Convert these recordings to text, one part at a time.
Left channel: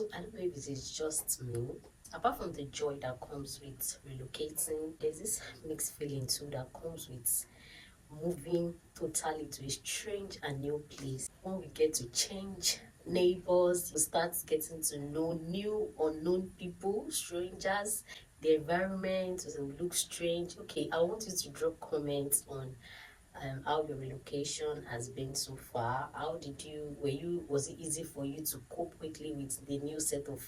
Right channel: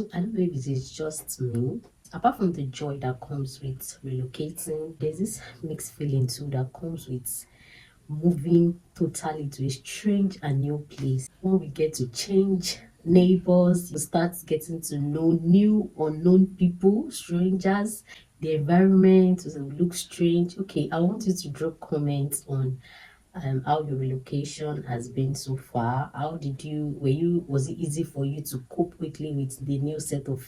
So I don't know if it is just me. Apart from the joy that comes with relocating, there's this mixed feeling too that comes with moving totally to a strange and new place. When we get to change neighbors, you start getting to know new unknown people, strangers, the environment will look strange. Okay, I want you to drop comments on how your relocation has been so far. How did you was it easy for you to cope quickly with the new set of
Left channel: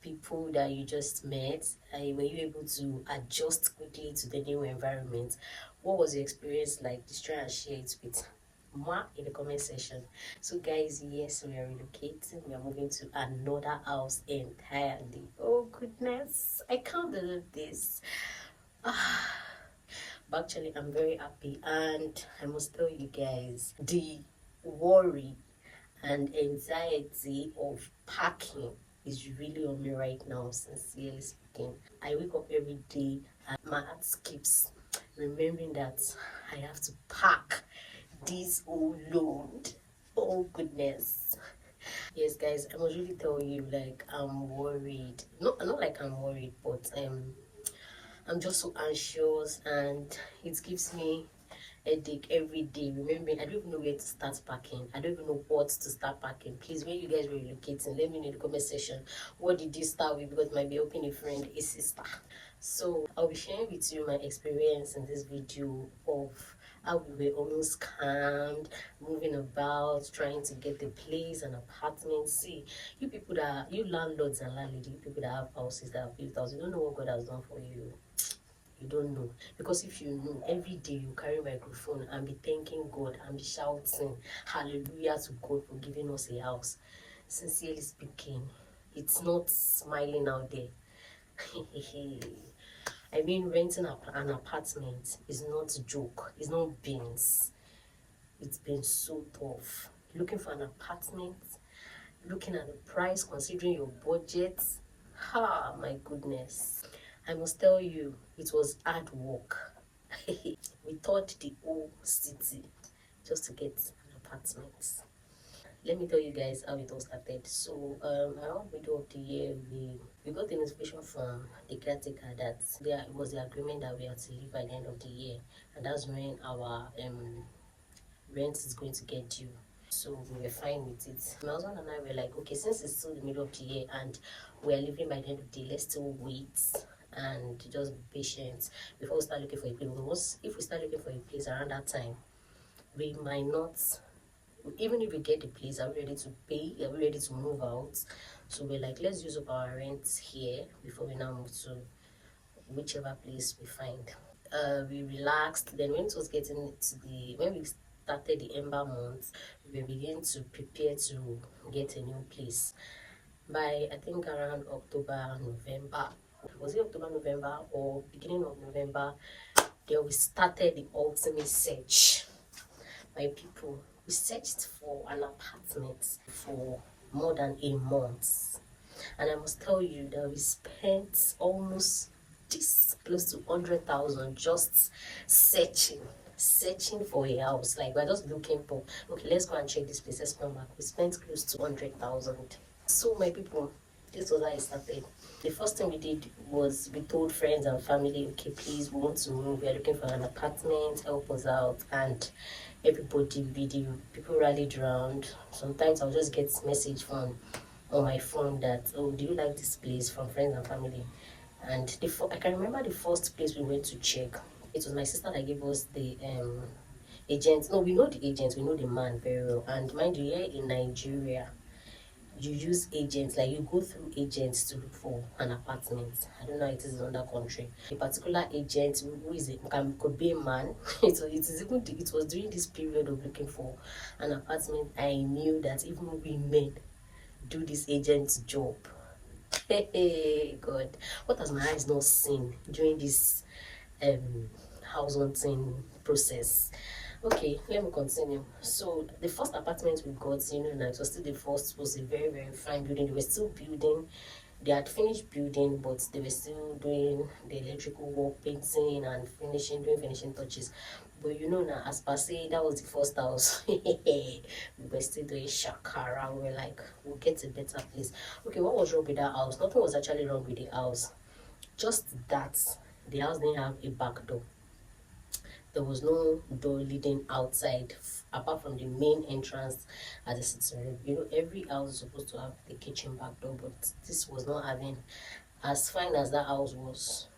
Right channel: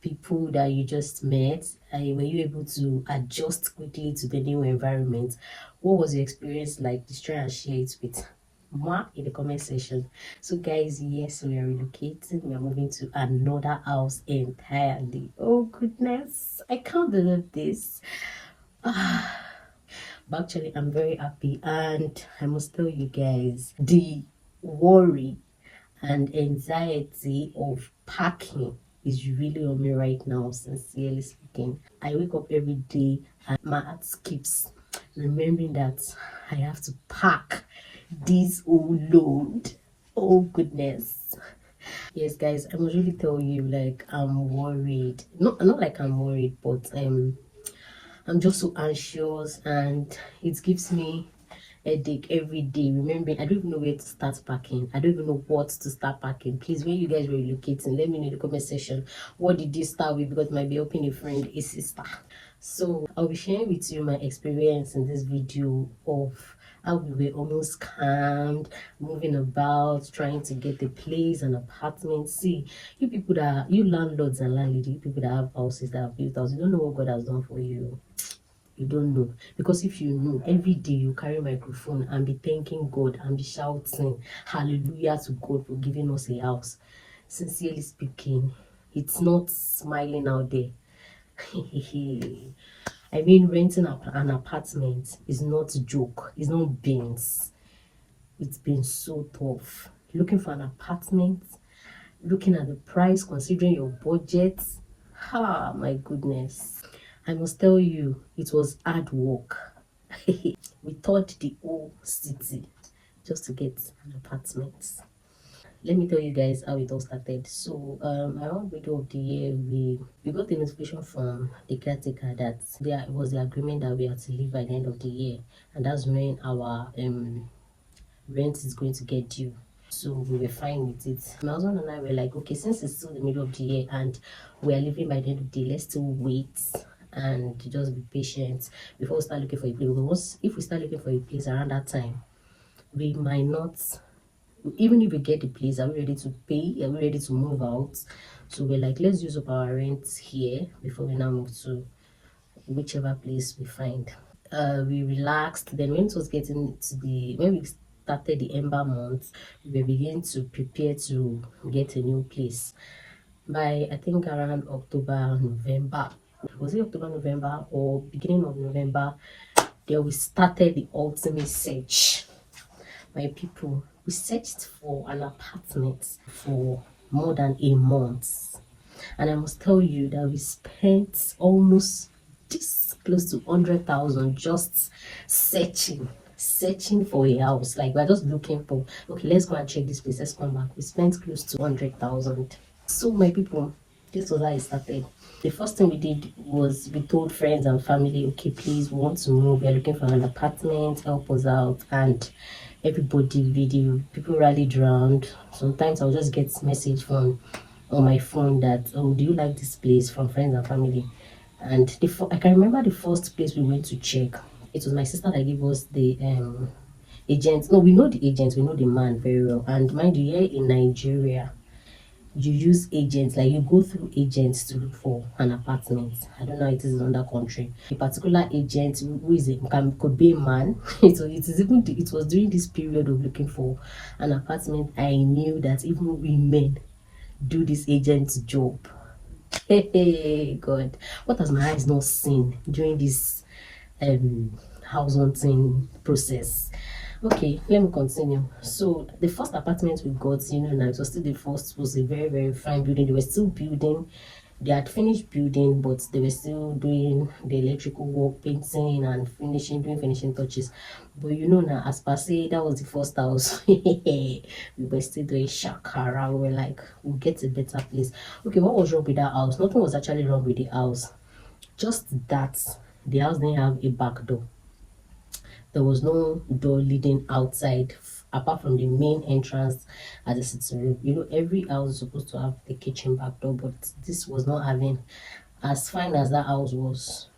people that you just met? Were you able to adjust quickly to the new environment? What was your experience like? Just try and share it with moi in the comment section. So guys, yes, we are relocating. We are moving to another house entirely. Oh goodness, I can't believe this. But actually, I'm very happy, and I must tell you guys, the worry and anxiety of packing is really on me right now, sincerely speaking. I wake up every day and my heart skips, remembering that I have to pack this whole load. Oh goodness. Yes guys, I must really tell you, like, I'm worried. Not like I'm worried, but I'm just so anxious, and it gives me headache every day. Remembering, I don't even know where to start packing. I don't even know what to start packing. Please, when you guys were relocating, let me know in the comment section, what did you start with? Because it might be helping a friend, a sister. So I'll be sharing with you my experience in this video of how we were almost scammed, moving about, trying to get a place, an apartment. See, you landlords and landladies, you people that have houses, that have built houses, you don't know what God has done for you. You don't know, because if you know, every day you carry a microphone and be thanking God and be shouting hallelujah to God for giving us a house. Sincerely speaking, it's not smiling out there. I mean, renting an apartment is not a joke, it's not beans. It's been so tough looking for an apartment, looking at the price, considering your budget. Ah, my goodness, I must tell you, it was hard work. We toured the whole city just to get an apartment. Let me tell you guys how it all started. So around middle of the year, we got a notification from the caretaker that there was the agreement that we had to leave by the end of the year, and that's when our rent is going to get due. So we were fine with it. My husband and I were like, okay, since it's still the middle of the year and we are leaving by the end of the day, let's still wait and just be patient before we start looking for a place. Because if we start looking for a place around that time, we might not, even if we get the place, are we ready to pay? Are we ready to move out? So we're like, let's use up our rent here before we now move to whichever place we find. We relaxed. Then when it was getting to when we started the ember month, we began to prepare to get a new place. By I think around October, November, was it October, November, or beginning of November, then we started the ultimate search. My people, we searched for an apartment for more than a month, and I must tell you that we spent almost this close to 100,000 just searching for a house. Like, we're just looking for, okay, let's go and check this place, let's come back. We spent close to 100,000. So my people, this was how it started. The first thing we did was we told friends and family, okay, please, we want to move, we are looking for an apartment, help us out. And everybody, video people rallied around. Sometimes I'll just get message from on my phone that, oh, do you like this place, from friends and family. And I can remember the first place we went to check. It was my sister that gave us the agent. No, we know the agent, we know the man very well. And mind you, here in Nigeria, you use agents, like you go through agents to look for an apartment. I don't know how it is in another country. A particular agent who is could be a man. It was during this period of looking for an apartment I knew that even women do this agent's job. Hey God, what has my eyes not seen during this house hunting process? Okay, let me continue. So the first apartment we got, now, it was still the first, was a very, very fine building. They were still building. They had finished building, but they were still doing the electrical work, painting and finishing, doing finishing touches. But you know now, as per se, that was the first house. We were still doing shakara. We were like, we'll get a better place. Okay, what was wrong with that house? Nothing was actually wrong with the house. Just that the house didn't have a back door. There was no door leading outside apart from the main entrance at the sitting room. You know, every house is supposed to have the kitchen back door, but this was not having. As fine as that house was,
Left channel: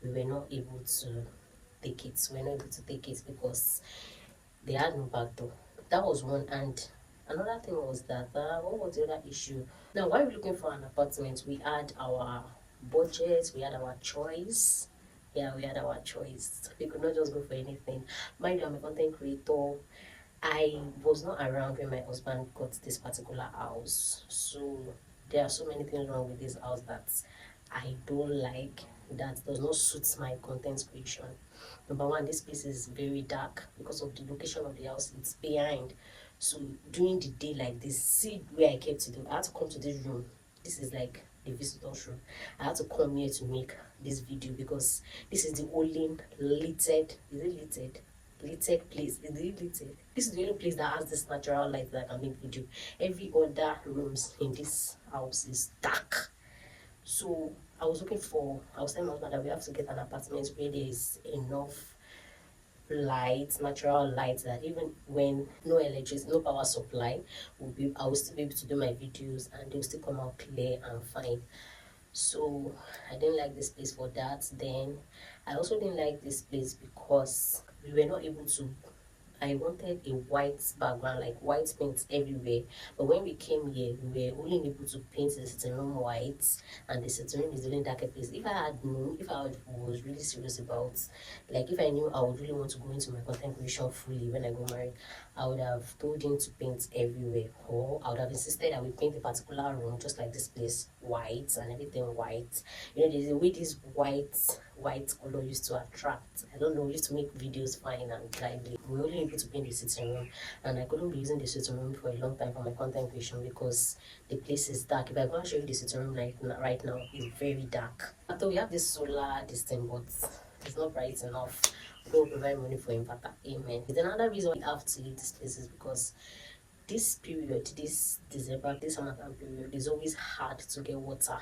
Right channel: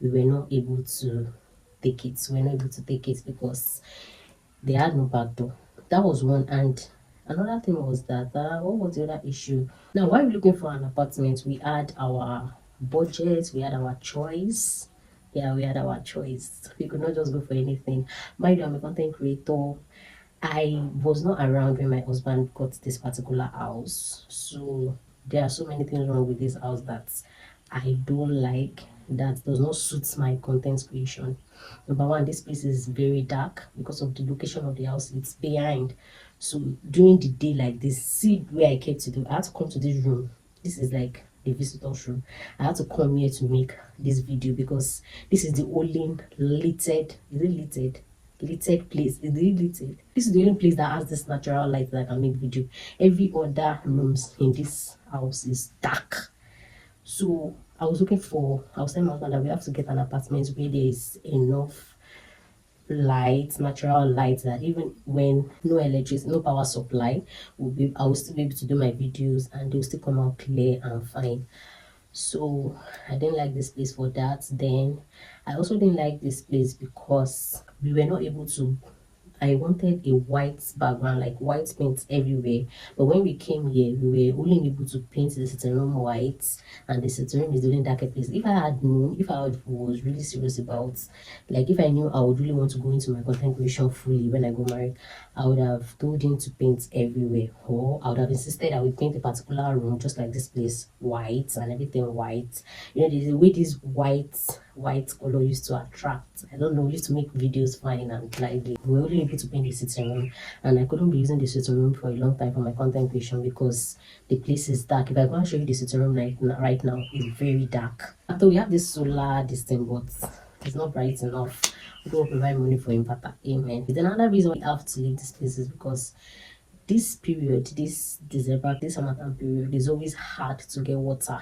we were not able to take it. We were not able to take it because they had no back door. That was one. And another thing was that what was the other issue? Now, while we're looking for an apartment, we had our budget, we had our choice. Yeah, we had our choice. We could not just go for anything. Mind you, I'm a content creator. I was not around when my husband got this particular house, so there are so many things wrong with this house that I don't like, that does not suit my content creation. Number one, this place is very dark because of the location of the house. It's behind, so during the day like this, see where I kept to do. I had to come to this room. This is like the visitor's room. I had to come here to make this video because this is the only lighted. Is it lighted? Lighted place. Is it lighted? This is the only place that has this natural light that I can make video. Every other rooms in this house is dark. So I was telling my husband that we have to get an apartment where there is enough light, natural light, that even when no electricity, no power supply, I will still be able to do my videos and they'll still come out clear and fine. So I didn't like this place for that. Then I also didn't like this place because we were not able to. I wanted a white background, like white paint everywhere. But when we came here, we were only able to paint the sitting room white, and the sitting room is the only darker place. If I had known, if I was really serious about, like if I knew I would really want to go into my content creation fully when I go married, I would have told him to paint everywhere, or I would have insisted I would paint a particular room just like this place white and everything white. You know, there's a way this white color used to attract. I don't know, we used to make videos fine and lively. We were only able to paint the sitting room, and I couldn't be using the sitting room for a long time for my content creation because the place is dark. If I go and show you the sitting room right now, it's very dark. After we have this solar this thing, but it's not bright enough. We don't provide money for inverter. Amen. Then another reason we have to leave this place is because this period, this December, this summertime period, is always hard to get water.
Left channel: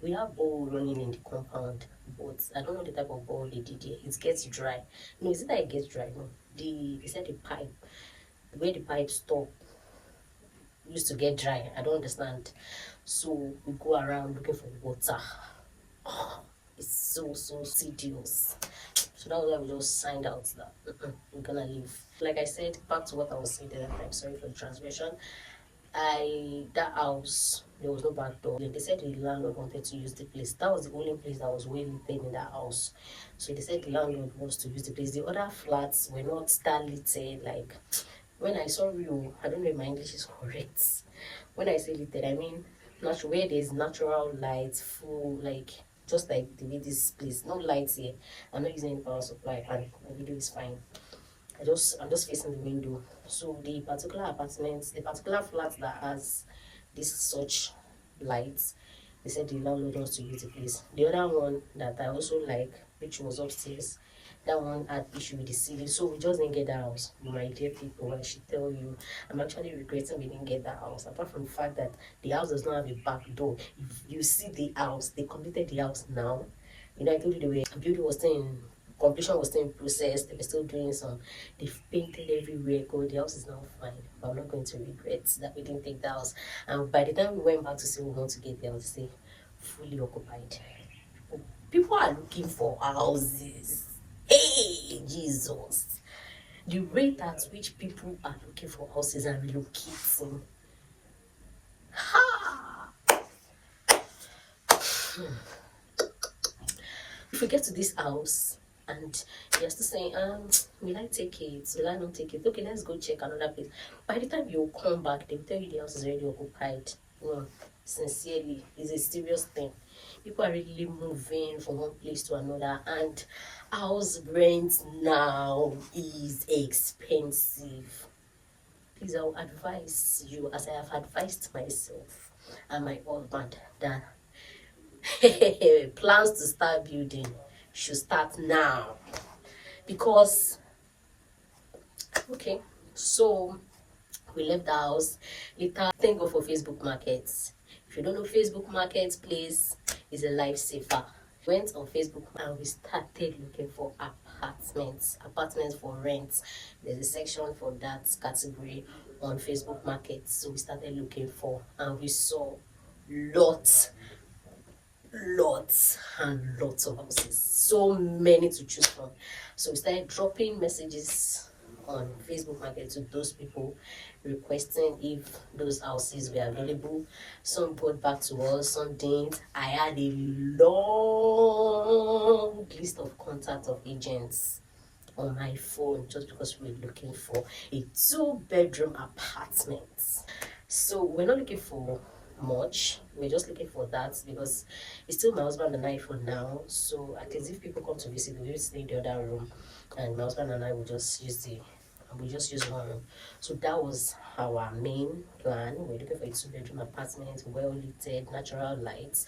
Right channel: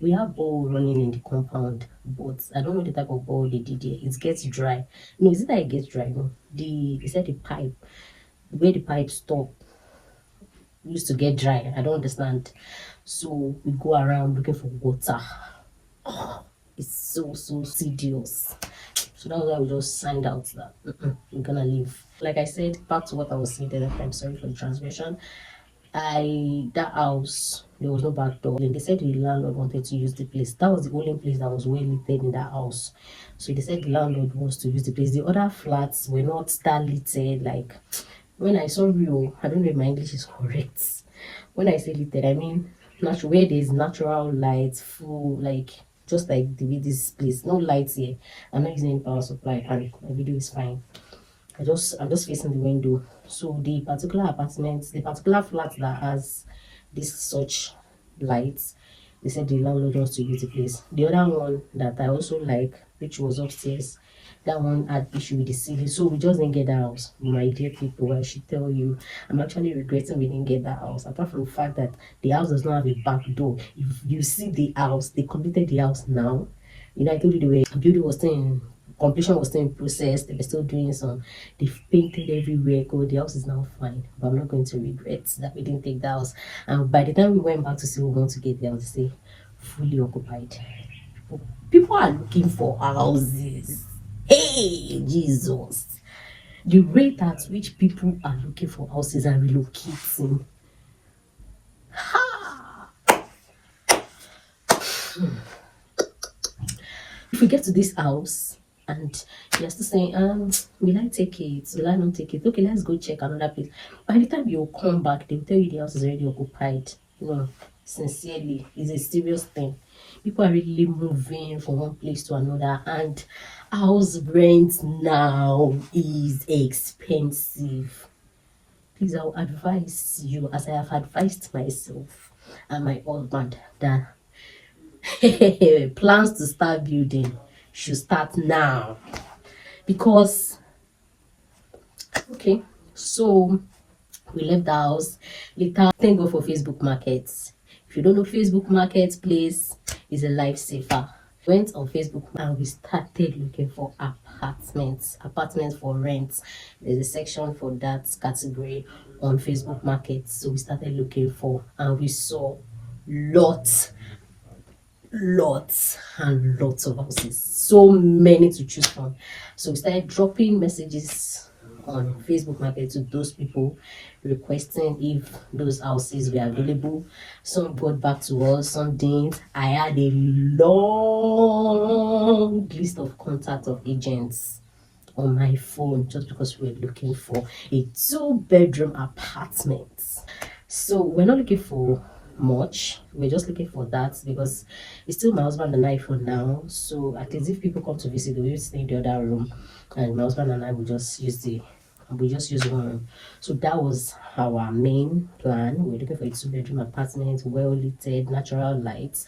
We have bowl running in the compound, but I don't know the type of bowl they did here. It gets dry. No, is it that it gets dry? No, they said the pipe, the way the pipe stop used to get dry. I don't understand. So we go around looking for water. Oh, it's so tedious. So that was why we just signed out that we're gonna leave. Like I said, back to what I was saying, that I'm sorry for the transmission. That house, there was no back door. They said the landlord wanted to use the place. That was the only place that was well lit in that house. So they said the landlord wants to use the place. The other flats were not star lit. Like when I saw you, I don't know if my English is correct. When I say lit, I mean natural, where there's natural light, full, like just like the way this place, no lights here. I'm not using any power supply and my video is fine. I'm just facing the window. So the particular apartment, the particular flat that has this such lights, they said the landlord wants to use the place. The other one that I also like, which was upstairs, that one had issue with the ceiling, so we just didn't get that house. My dear people, I should tell you, I'm actually regretting we didn't get that house. Apart from the fact that the house does not have a back door. If you see the house, they completed the house now. You know, I told you the way building was still in completion, was still in process. They were still doing some. They've painted everywhere. Go, the house is now fine. But I'm not going to regret that we didn't take the house. And by the time we went back to see we want to get the house, they say fully occupied. People are looking for houses. Hey, Jesus. The rate at which people are looking for houses and relocating. Ha! If we get to this house and you're still saying, will I take it? Will I not take it? Okay, let's go check another place. By the time you come back, they'll tell you the house is already occupied. No, sincerely, it's a serious thing. People are really moving from one place to another, and house rent now is expensive. Please, I'll advise you, as I have advised myself and my husband, that Plans to start building should start now. Because, okay, so we left the house. Later, thank God for Facebook markets. If you don't know Facebook marketplace, is a lifesaver. Went on Facebook and we started looking for apartments for rent. There's a section for that category on Facebook Market. So we started looking for, and we saw lots and lots of houses, so many to choose from. So we started dropping messages on Facebook Market to those people, requesting if those houses were available. Some got back to us, some didn't. I had a long list of contacts of agents on my phone just because we were looking for a 2-bedroom apartment. So we're not looking for much. We're just looking for that because it's still my husband and I for now. So at least if people come to visit, we will stay in the other room, and my husband and I will just use one room. So that was our main plan. We're looking for a 2-bedroom apartment, well lit, natural lights,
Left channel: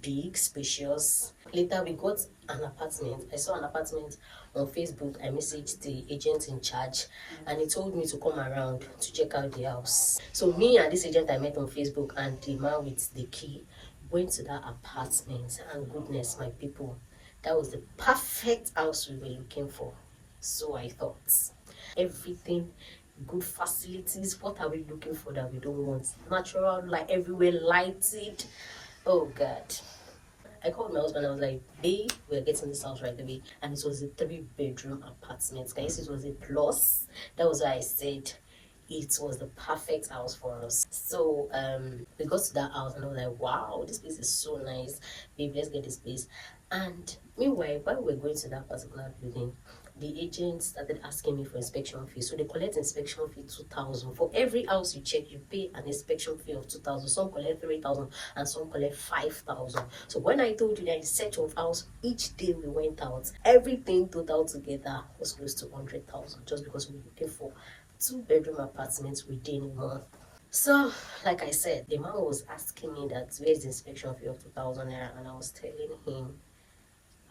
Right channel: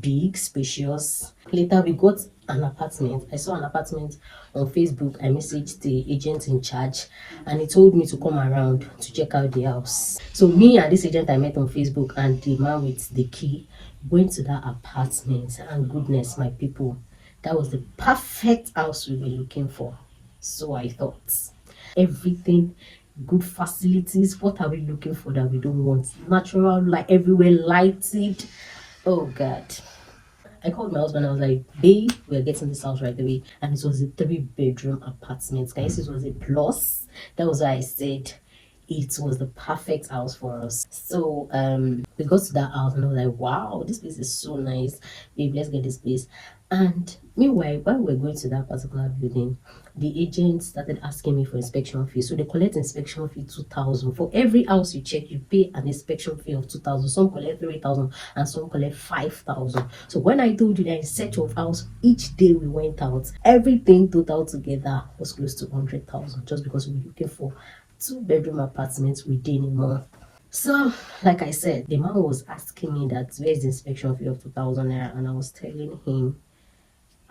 big, spacious. Later we got an apartment. I saw an apartment on Facebook. I messaged the agent in charge and he told me to come around to check out the house. So me and this agent I met on Facebook and the man with the key went to that apartment, and goodness, my people, that was the perfect house we were looking for. So I thought, everything, good facilities. What are we looking for that we don't want? Natural light everywhere, lighted. Oh God. I called my husband. I was like, babe, we're getting this house right away. And it was a 3-bedroom apartment. Guys, it was a plus. That was why I said it was the perfect house for us. So we got to that house and I was like, wow, this place is so nice. Babe, let's get this place. And meanwhile, while we were going to that particular building, the agent started asking me for inspection fee. So they collect inspection fee 2,000 for every house you check. You pay an inspection fee of 2,000. Some collect 3,000 and some collect 5,000. So when I told you that in search of house, each day we went out, everything total together was close to 100,000 just because we were looking for 2-bedroom apartments within a month. So, like I said, the man was asking me that where's the inspection fee of 2,000 naira, and I was telling him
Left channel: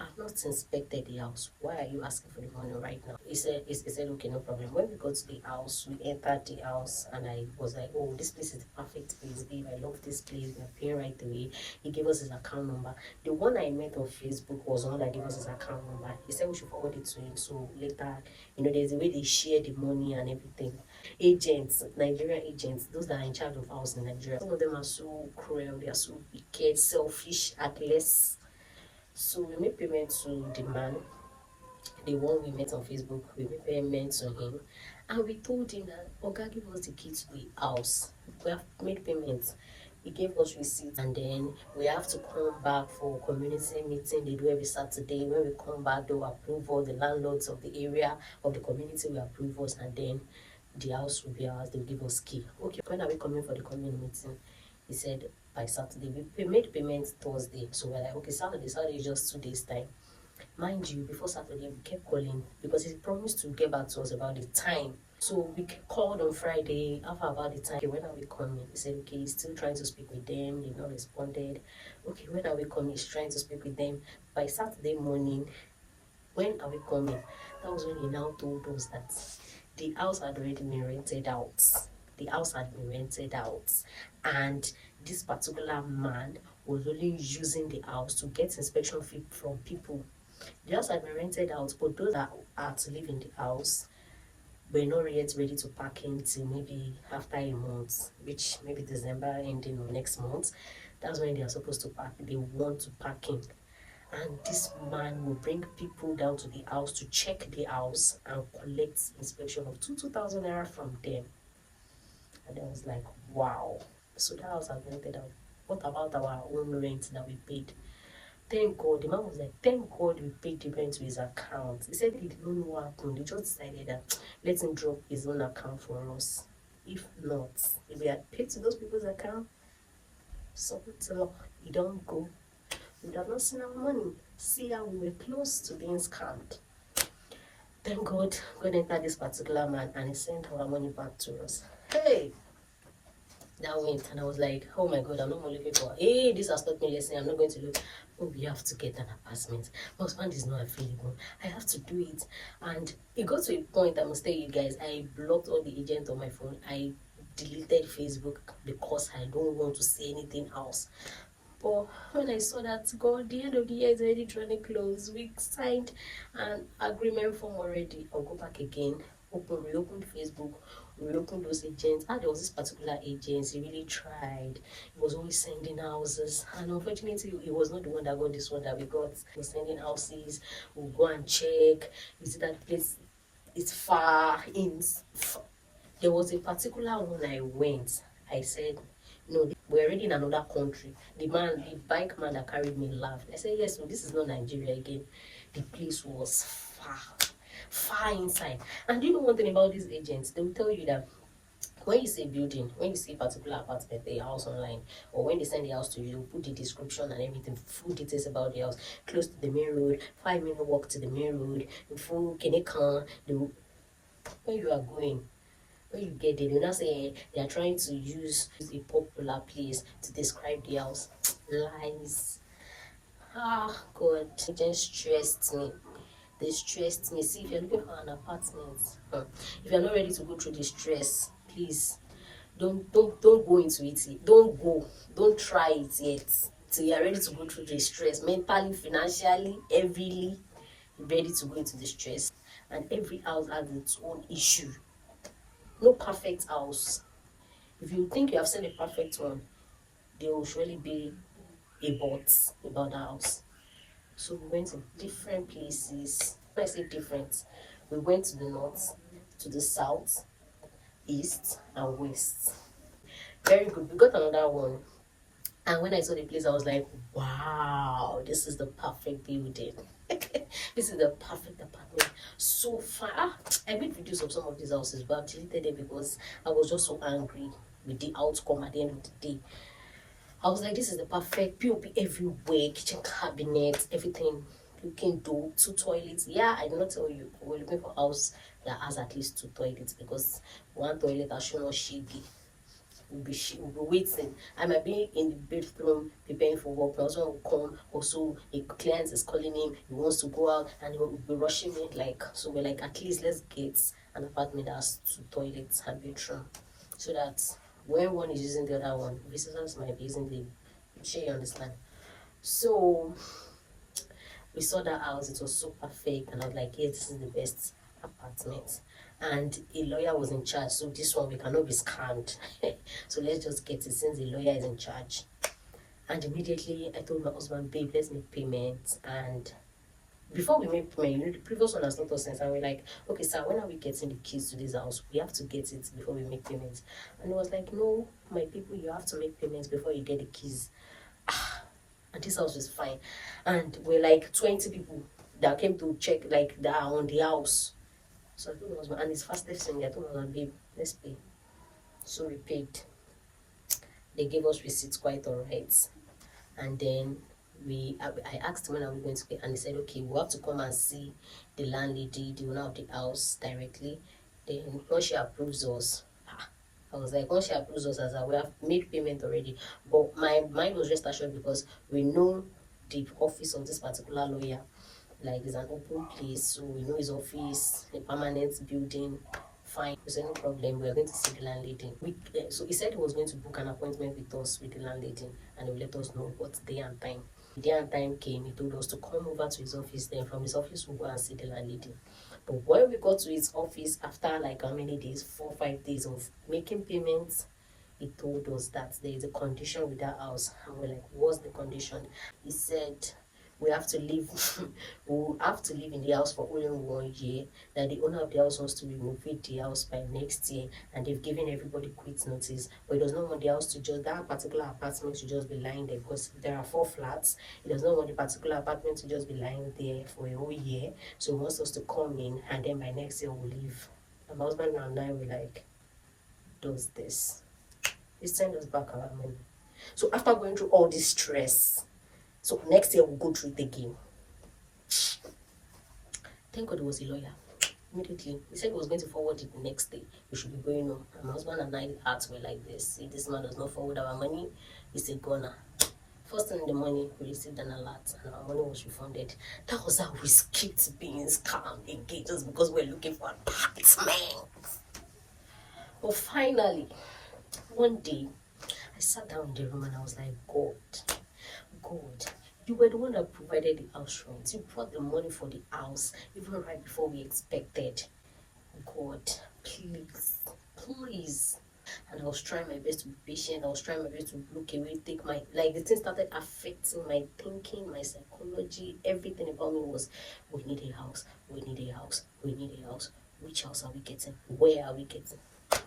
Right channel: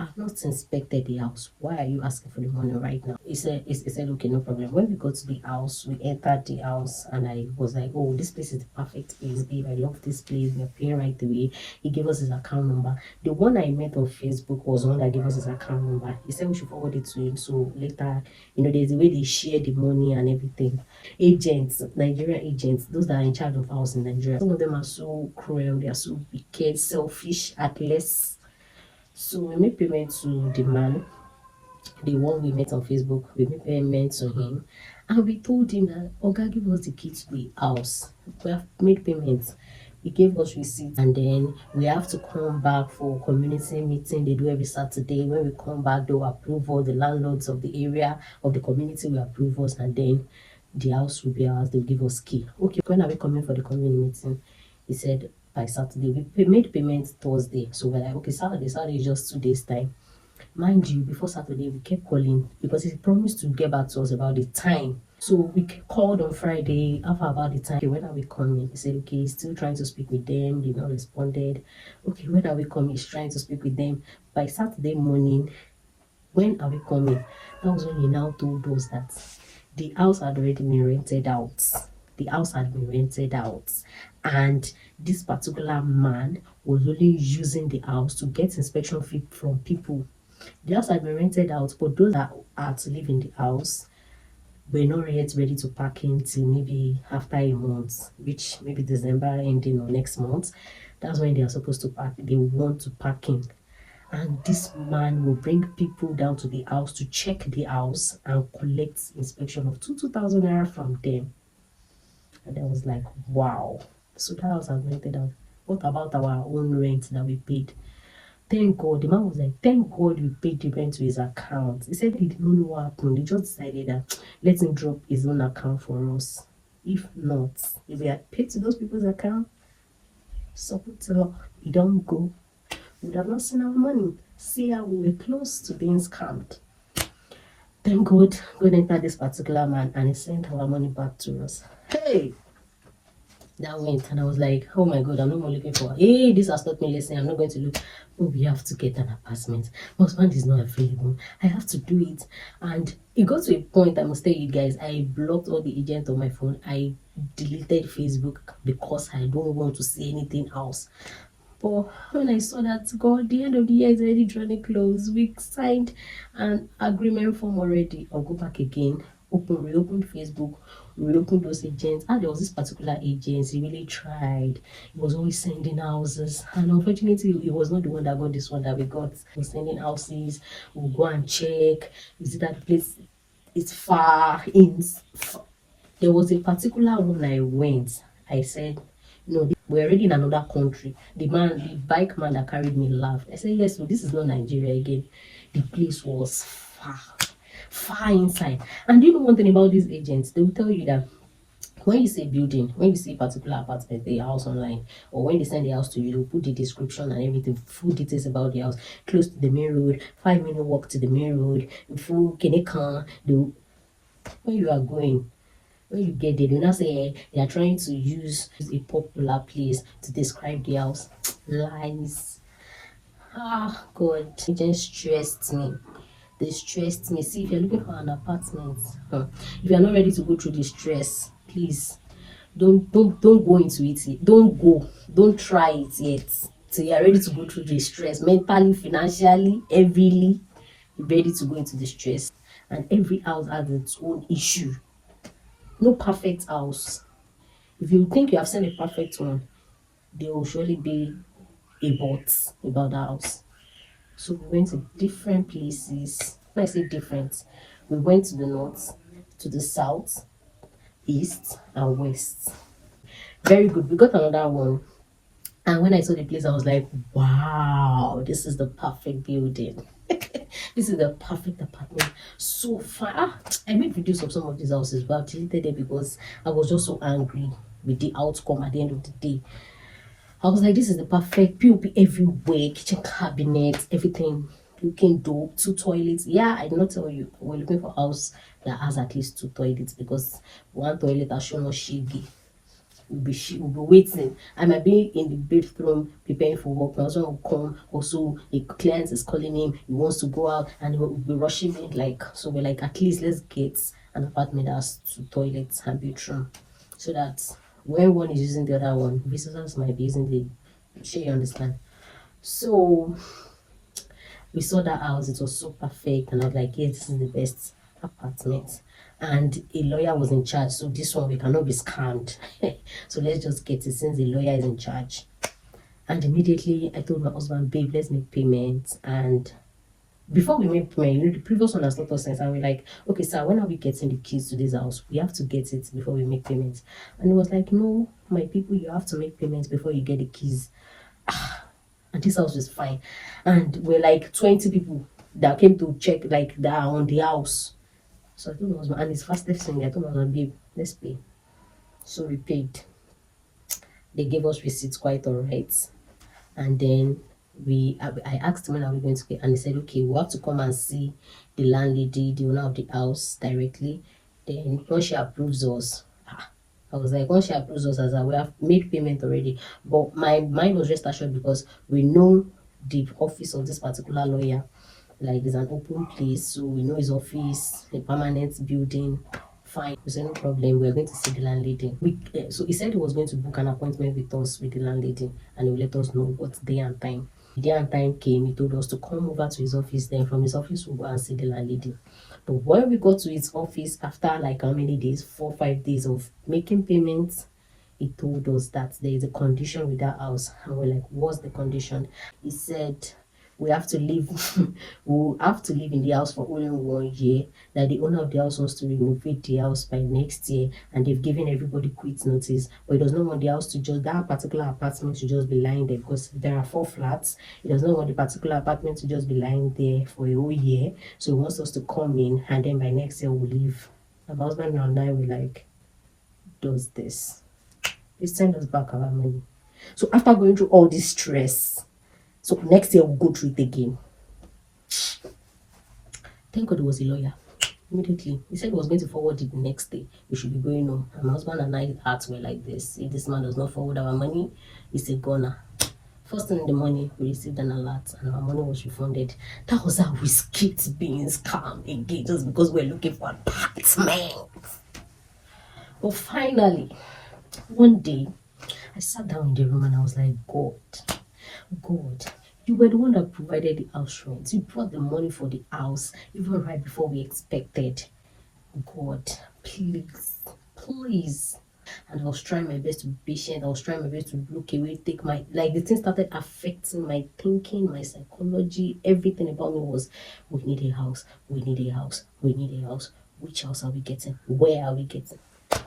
I've not inspected the house. Why are you asking for the money right now? He said, okay, no problem. When we got to the house, we entered the house, and I was like, oh, this place is the perfect place, babe. I love this place. We're paying right away. He gave us his account number. The one I met on Facebook was the one that gave us his account number. He said we should forward it to him. So later, there's a way they share the money and everything. Agents, Nigerian agents, those that are in charge of house in Nigeria, some of them are so cruel. They are so wicked, selfish, heartless. So we made payment to the man, the one we met on Facebook. We made payment to him, and we told him that Oga, give us the key to the house. We have made payments. He gave us receipt, and then we have to come back for community meeting. They do every Saturday. When we come back, they'll approve all the landlords of the area of the community will approve us, and then the house will be ours. They'll give us key. Okay, when are we coming for the community meeting? He said by Saturday. We made payments Thursday, so we're like, okay, Saturday is just 2 days time. Mind you, before Saturday, we kept calling because he promised to get back to us about the time. So we called on Friday, after about the time. Okay, when are we coming? He said, okay, he's still trying to speak with them. They've not responded. Okay, when are we coming? He's trying to speak with them. By Saturday morning, when are we coming? That was when he now told us that the house had already been rented out. The house had been rented out, and this particular man was only using the house to get inspection fee from people. The house had been rented out, but those that are to live in the house were not yet ready to pack in till maybe after a month, which maybe December ending or next month. That's when they are supposed to pack. They want to pack in. And this man will bring people down to the house to check the house and collect inspection of 2,000 naira from them. And I was like, wow. So that house has rented out. What about our own rent that we paid? Thank God. The man was like, thank God we paid the rent to his account. He said he did not know what happened. He just decided that let him drop his own account for us. If not, if we had paid to those people's account, so he don't go. We would have not seen our money. See how we were close to being scammed. Thank God, God entered this particular man and he sent our money back to us. Hey! That went, and I was like, oh my god, I'm not more looking for, hey, this has taught me lesson. I'm not going to look. Oh, we have to get an apartment. My husband is not available. I have to do it. And it got to a point, I must tell you guys, I blocked all the agents on my phone. I deleted Facebook because I don't want to see anything else. But when I saw that, God, the end of the year is already drawing close, we signed an agreement form already. I'll go back again, reopen Facebook, reopen those agents. And there was this particular agent, he really tried. He was always sending houses, and unfortunately, he was not the one that got this one that we got. He was sending houses. We'll go and check. Is it that place? It's far in. There was a particular one I went. I said, no, we're already in another country. The bike man that carried me laughed. I said, yes, so this is not Nigeria again. The place was far inside. And do you know one thing about these agents? They will tell you that when you say building, when you see a particular apartment, a house online, or when they send the house to you, they'll put the description and everything, full details about the house, close to the main road, 5-minute walk to the main road, full Kenekan, where you are going. When you get there, they will not say they are trying to use a popular place to describe the house. Lies. Ah, God. It just stressed me. They stressed me. See, if you're looking for an apartment, if you're not ready to go through the stress, please don't go into it. Don't go. Don't try it yet. So you're ready to go through the stress mentally, financially, everyly. You're ready to go into the stress. And every house has its own issue. No perfect house. If you think you have seen a perfect one, there will surely be a but about the house. So we went to different places. When I say different, we went to the north, to the south, east, and west. Very good. We got another one. And when I saw the place, I was like, wow, this is the perfect building. This is the perfect apartment. So far. I made videos of some of these houses, but I've deleted them because I was just so angry with the outcome at the end of the day. I was like, this is the perfect POP everywhere, kitchen cabinet, everything looking dope, 2 toilets. Yeah, I did not tell you. We're looking for a house that has at least 2 toilets because one toilet has shown us shiggy. We'll be waiting. I might be in the bathroom preparing for work. My husband will come. Also, a client is calling him. He wants to go out and he will be rushing me. Like, so we're like, at least let's get an apartment that has 2 toilets and bedroom so that when one is using the other one, visitors might be using the sure you understand. So we saw that house, it was so perfect, and I was like, yes, this is the best apartment. And a lawyer was in charge, so this one we cannot be scammed. So let's just get it since the lawyer is in charge. And immediately I told my husband, babe, let's make payments. And before we made payment, the previous one has not us sense, and we're like, okay, sir, when are we getting the keys to this house? We have to get it before we make payments. And he was like, no, my people, you have to make payments before you get the keys. And this house was fine, and we're like 20 people that came to check, like, that are on the house. So I told my husband, and his fastest thing, I told my husband, babe, let's pay. So we paid. They gave us receipts, quite all right. And then I asked him when are we going to pay, and he said, okay, we'll have to come and see the landlady, the owner of the house, directly. Then once she approves us, I was like, once she approves us, as we have made payment already. But my mind was just assured because we know the office of this particular lawyer. Like, it's an open place, so we know his office, a permanent building. Fine, we said no problem. We're going to see the landlady. So he said he was going to book an appointment with us with the landlady, and he will let us know what day and time. The day and time came. He told us to come over to his office. Then from his office we'll go and see the landlady. But when we got to his office after like how many days, 4 5 days of making payments, he told us that there is a condition with that house. And we're like, what's the condition? He said we have to live we'll have to live in the house for only 1 year, that the owner of the house wants to renovate the house by next year, and they've given everybody quit notice, but he does not want the house to just, that particular apartment to just be lying there, because there are 4 flats. He does not want the particular apartment to just be lying there for a whole year, so he wants us to come in, and then by next year we'll leave. And my husband and I were like, does this? He sent us back our money. So after going through all this stress, so next year we'll go through it again. Thank God it was a lawyer. Immediately. He said he was going to forward it the next day. We should be going home. And my husband and I hearts were like this. If this man does not forward our money, he's a goner. First thing in the morning, we received an alert and our money was refunded. That was how we skipped being scammed again just because we're looking for an apartment. But finally, one day, I sat down in the room and I was like, God, you were the one that provided the house rent. You brought the money for the house even right before we expected. God, please. And I was trying my best to be patient. I was trying my best to look away, take my, like, the thing started affecting my thinking, my psychology. Everything about me was, we need a house, we need a house, we need a house. Which house are we getting? Where are we getting?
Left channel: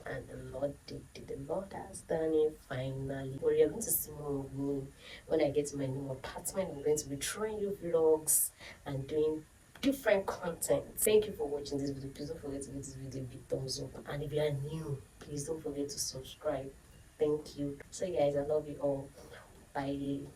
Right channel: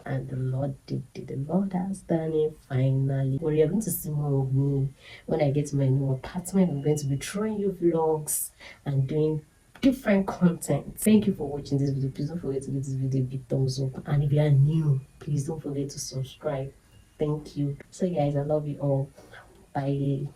And the Lord did it. The Lord has done it finally. Well, you're going to see more of me when I get to my new apartment. I'm going to be throwing you vlogs and doing different content. Thank you for watching this video. Please don't forget to give this video a big thumbs up. And if you are new, please don't forget to subscribe. Thank you. So guys, I love you all. Bye.